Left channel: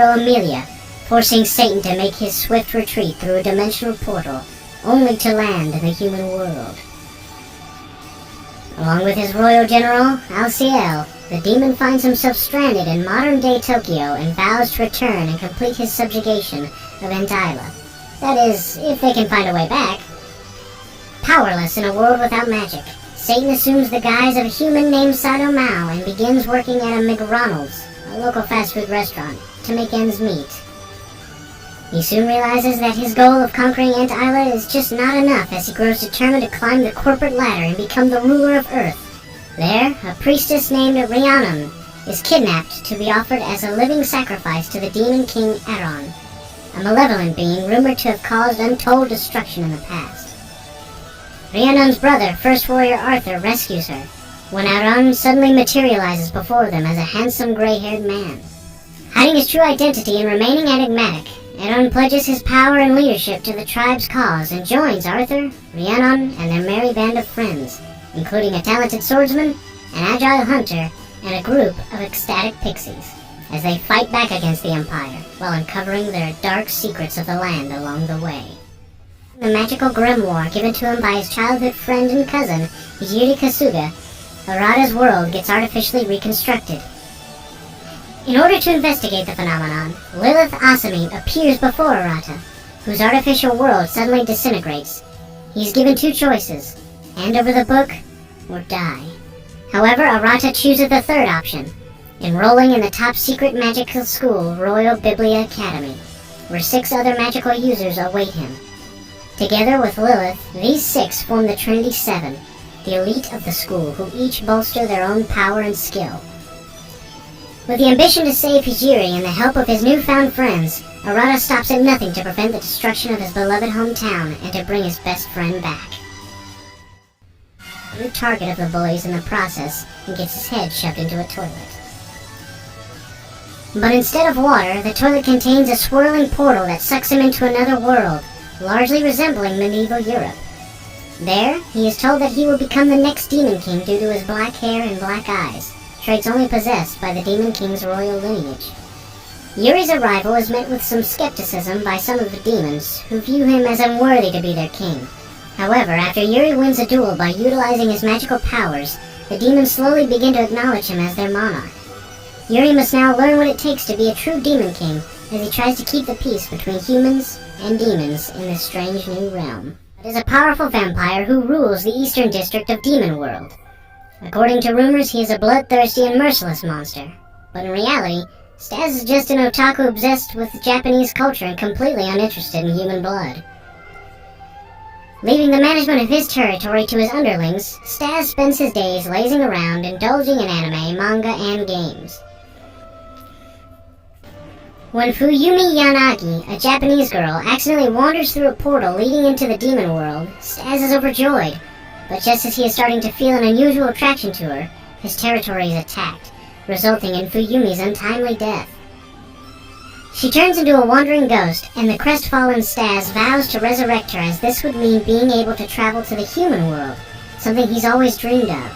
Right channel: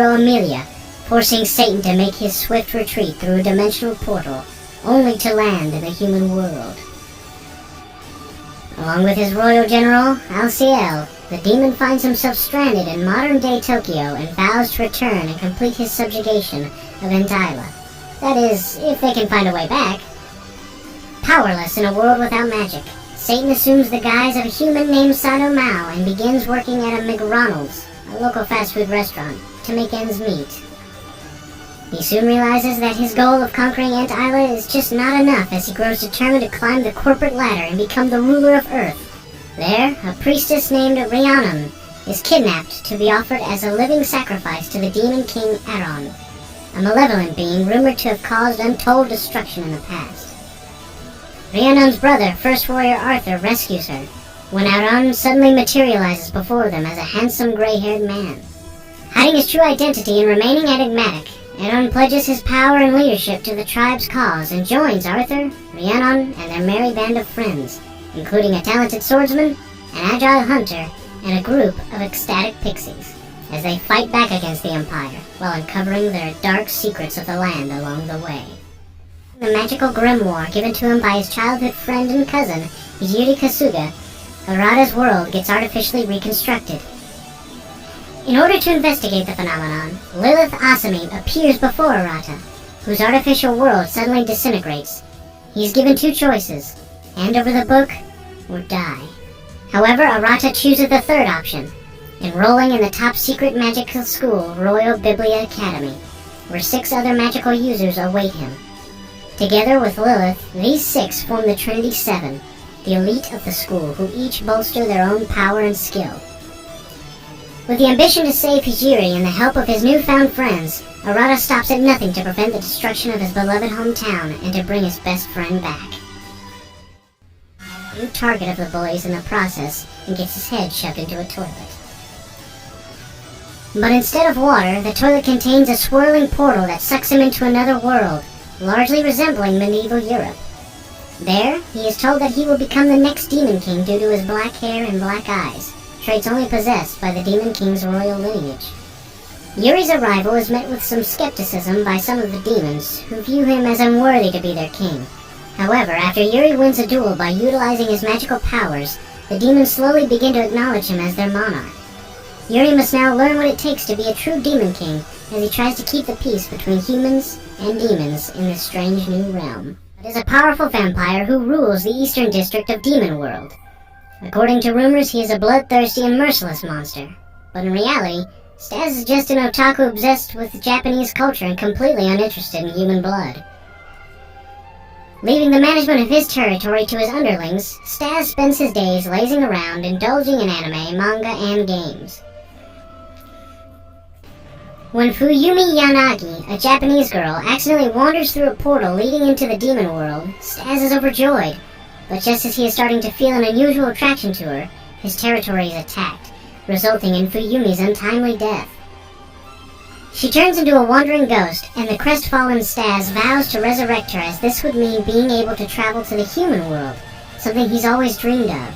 hero Amelia, forcing Satan to make his swift retreat through a dimensional portal, only to land in the human world. Along with his royal general, Alciel, the demon finds himself stranded in modern-day Tokyo and vows to return and complete his subjugation of Entila. That is, if they can find a way back. Powerless in a world without magic, Satan assumes the guise of a human named Sado Mao and begins working at a McDonald's, a local fast food restaurant, to make ends meet. He soon realizes that his goal of conquering Entila is just not enough as he grows determined to climb the corporate ladder and become the ruler of Earth. There, a priestess named Rhiannon is kidnapped to be offered as a living sacrifice to the demon king Aron, a malevolent being rumored to have caused untold destruction in the past. Rhiannon's brother, First Warrior Arthur, rescues her, when Aron suddenly materializes before them as a handsome gray-haired man. Hiding his true identity and remaining enigmatic, Aron pledges his power and leadership to the tribe's cause and joins Arthur, Rhiannon, and their merry band of friends, including a talented swordsman, an agile hunter, and a group of ecstatic pixies, as they fight back against the Empire while uncovering their dark secrets of the land along the way. The magical grimoire given to him by his childhood friend and cousin, Yuri Kasuga, Arata's world gets artificially reconstructed. In order to investigate the phenomenon, Lilith Asami appears before Arata, whose artificial world suddenly disintegrates. He is given two choices: hand over the book or die. However, Arata chooses the third option, enrolling in the top-secret magical school, Royal Biblia Academy, where 6 other magical users await him. Together with Lilith, these 6 form the Trinity 7, the elite of the school, who each bolster their own power and skill. With the ambition to save Hijiri and the help of his newfound friends, Arata stops at nothing to prevent the destruction of his beloved hometown and to bring his best friend back. New target of the bullies in the process and gets his head shoved into a toilet. But instead of water, the toilet contains a swirling portal that sucks him into another world, largely resembling medieval Europe. There, he is told that he will become the next Demon King due to his black hair and black eyes, traits only possessed by the Demon King's royal lineage. Yuri's arrival is met with some skepticism by some of the demons, who view him as unworthy to be their king. However, after Yuri wins a duel by utilizing his magical powers, the demons slowly begin to acknowledge him as their monarch. Yuri must now learn what it takes to be a true Demon King as he tries to keep the peace between humans and demons in this strange new realm. It is a powerful vampire who rules the eastern district of Demon World. According to rumors, he is a bloodthirsty and merciless monster, but in reality, Stas is just an otaku obsessed with Japanese culture and completely uninterested in human blood. Leaving the management of his territory to his underlings, Stas spends his days lazing around, indulging in anime, manga, and games. When Fuyumi Yanagi, a Japanese girl, accidentally wanders through a portal leading into the demon world, Stas is overjoyed, but just as he is starting to feel an unusual attraction to her, his territory is attacked, resulting in Fuyumi's untimely death. She turns into a wandering ghost, and the crestfallen Stas vows to resurrect her, as this would mean being able to travel to the human world, something he's always dreamed of.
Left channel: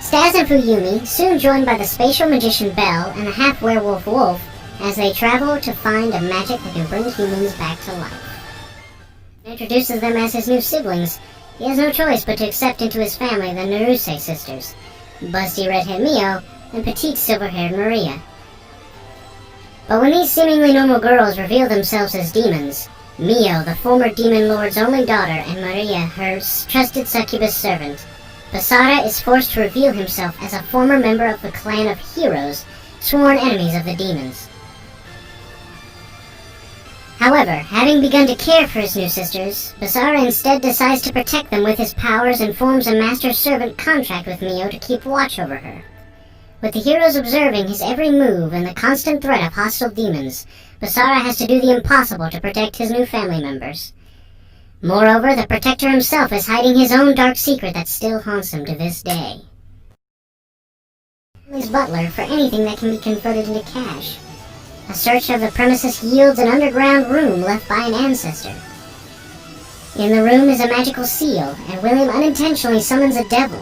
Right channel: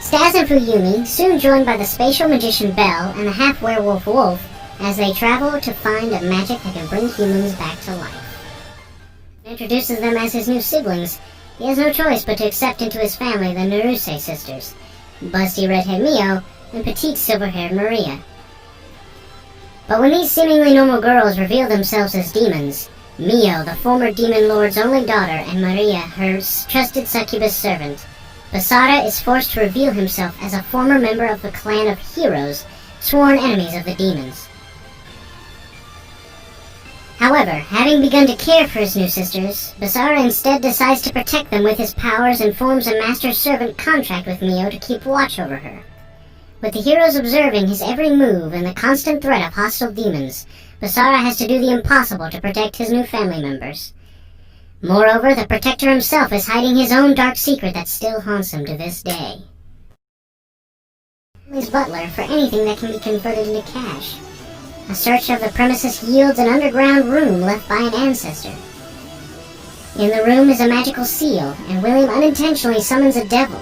Stas and Fuyumi, soon joined by the spatial magician Belle and the half-werewolf Wolf, as they travel to find a magic that can bring humans back to life. He introduces them as his new siblings. He has no choice but to accept into his family the Naruse sisters, busty redhead Mio and petite silver-haired Maria. But when these seemingly normal girls reveal themselves as demons, Mio, the former demon lord's only daughter, and Maria, her trusted succubus servant, Basara is forced to reveal himself as a former member of the clan of heroes, sworn enemies of the demons. However, having begun to care for his new sisters, Basara instead decides to protect them with his powers and forms a master-servant contract with Mio to keep watch over her. With the heroes observing his every move and the constant threat of hostile demons, Basara has to do the impossible to protect his new family members. Moreover, the Protector himself is hiding his own dark secret that still haunts him to this day. His butler for anything that can be converted into cash. A search of the premises yields an underground room left by an ancestor. In the room is a magical seal, and William unintentionally summons a devil.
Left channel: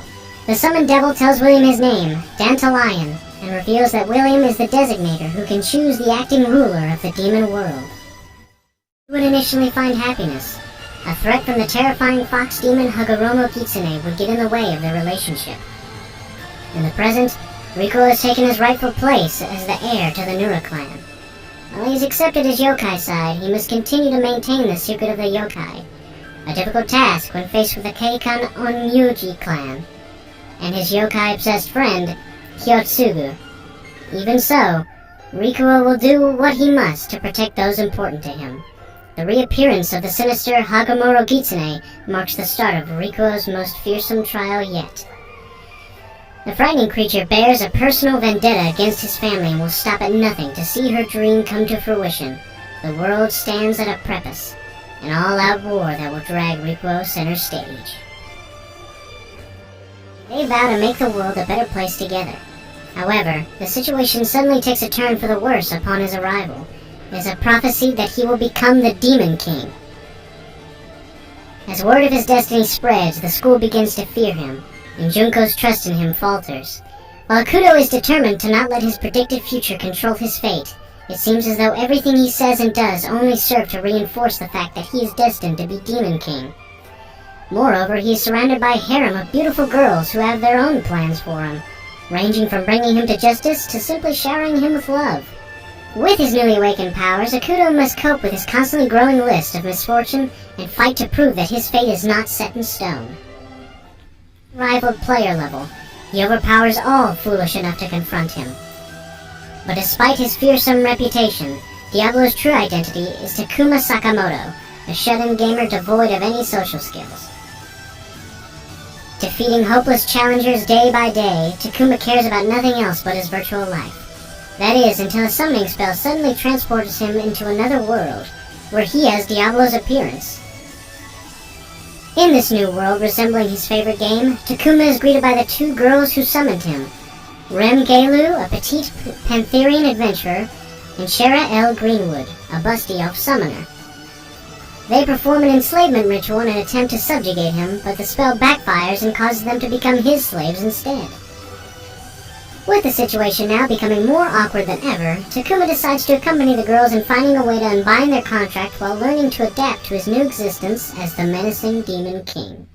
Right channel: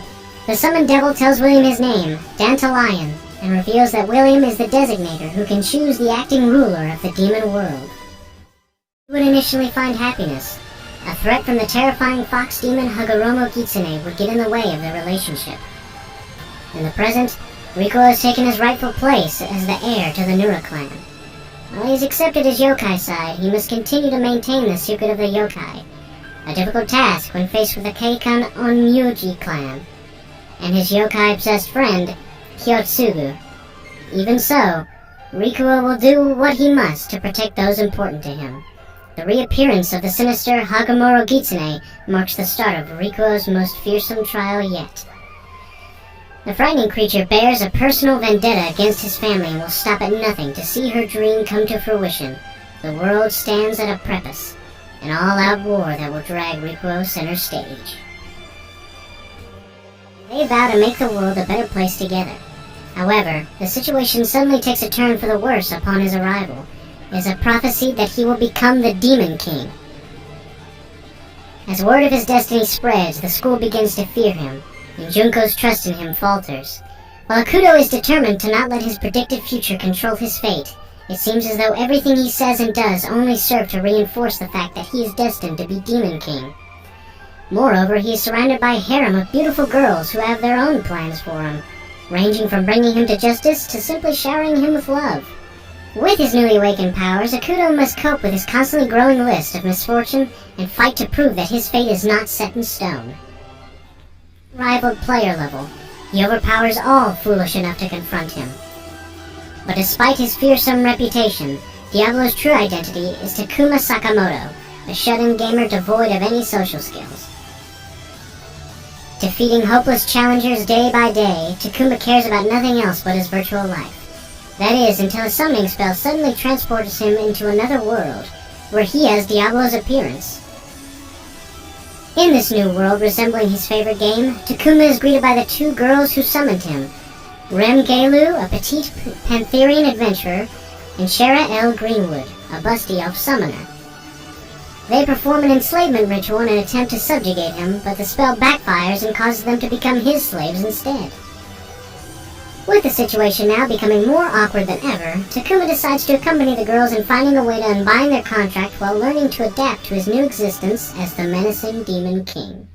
The summoned devil tells William his name, Dantalion, and reveals that William is the designator who can choose the acting ruler of the demon world. He would initially find happiness. A threat from the terrifying fox demon Hagoromo Kitsune would get in the way of their relationship. In the present, Rikuo has taken his rightful place as the heir to the Nura clan. While he's accepted his yokai side, he must continue to maintain the secret of the yokai, a difficult task when faced with the Keikan Onyuji clan, and his yokai-obsessed friend, Kyotsugu. Even so, Rikuo will do what he must to protect those important to him. The reappearance of the sinister Hagoromo Kitsune marks the start of Rikuo's most fearsome trial yet. The frightening creature bears a personal vendetta against his family and will stop at nothing to see her dream come to fruition. The world stands at a precipice, an all-out war that will drag Rikuo center stage. They vow to make the world a better place together. However, the situation suddenly takes a turn for the worse upon his arrival. It is a prophecy that he will become the Demon King. As word of his destiny spreads, the school begins to fear him, and Junko's trust in him falters. While Akuto is determined to not let his predicted future control his fate, it seems as though everything he says and does only serve to reinforce the fact that he is destined to be Demon King. Moreover, he is surrounded by a harem of beautiful girls who have their own plans for him, ranging from bringing him to justice to simply showering him with love. With his newly awakened powers, Akuto must cope with his constantly growing list of misfortune and fight to prove that his fate is not set in stone. Rivaled player level, he overpowers all foolish enough to confront him. But despite his fearsome reputation, Diablo's true identity is Takuma Sakamoto, a shut-in gamer devoid of any social skills. Defeating hopeless challengers day by day, Takuma cares about nothing else but his virtual life. That is, until a summoning spell suddenly transports him into another world, where he has Diablo's appearance. In this new world resembling his favorite game, Takuma is greeted by the two girls who summoned him, Rem Gelu, a petite Pantherian adventurer, and Shara L. Greenwood, a busty elf summoner. They perform an enslavement ritual in an attempt to subjugate him, but the spell backfires and causes them to become his slaves instead. With the situation now becoming more awkward than ever, Takuma decides to accompany the girls in finding a way to unbind their contract while learning to adapt to his new existence as the menacing Demon King.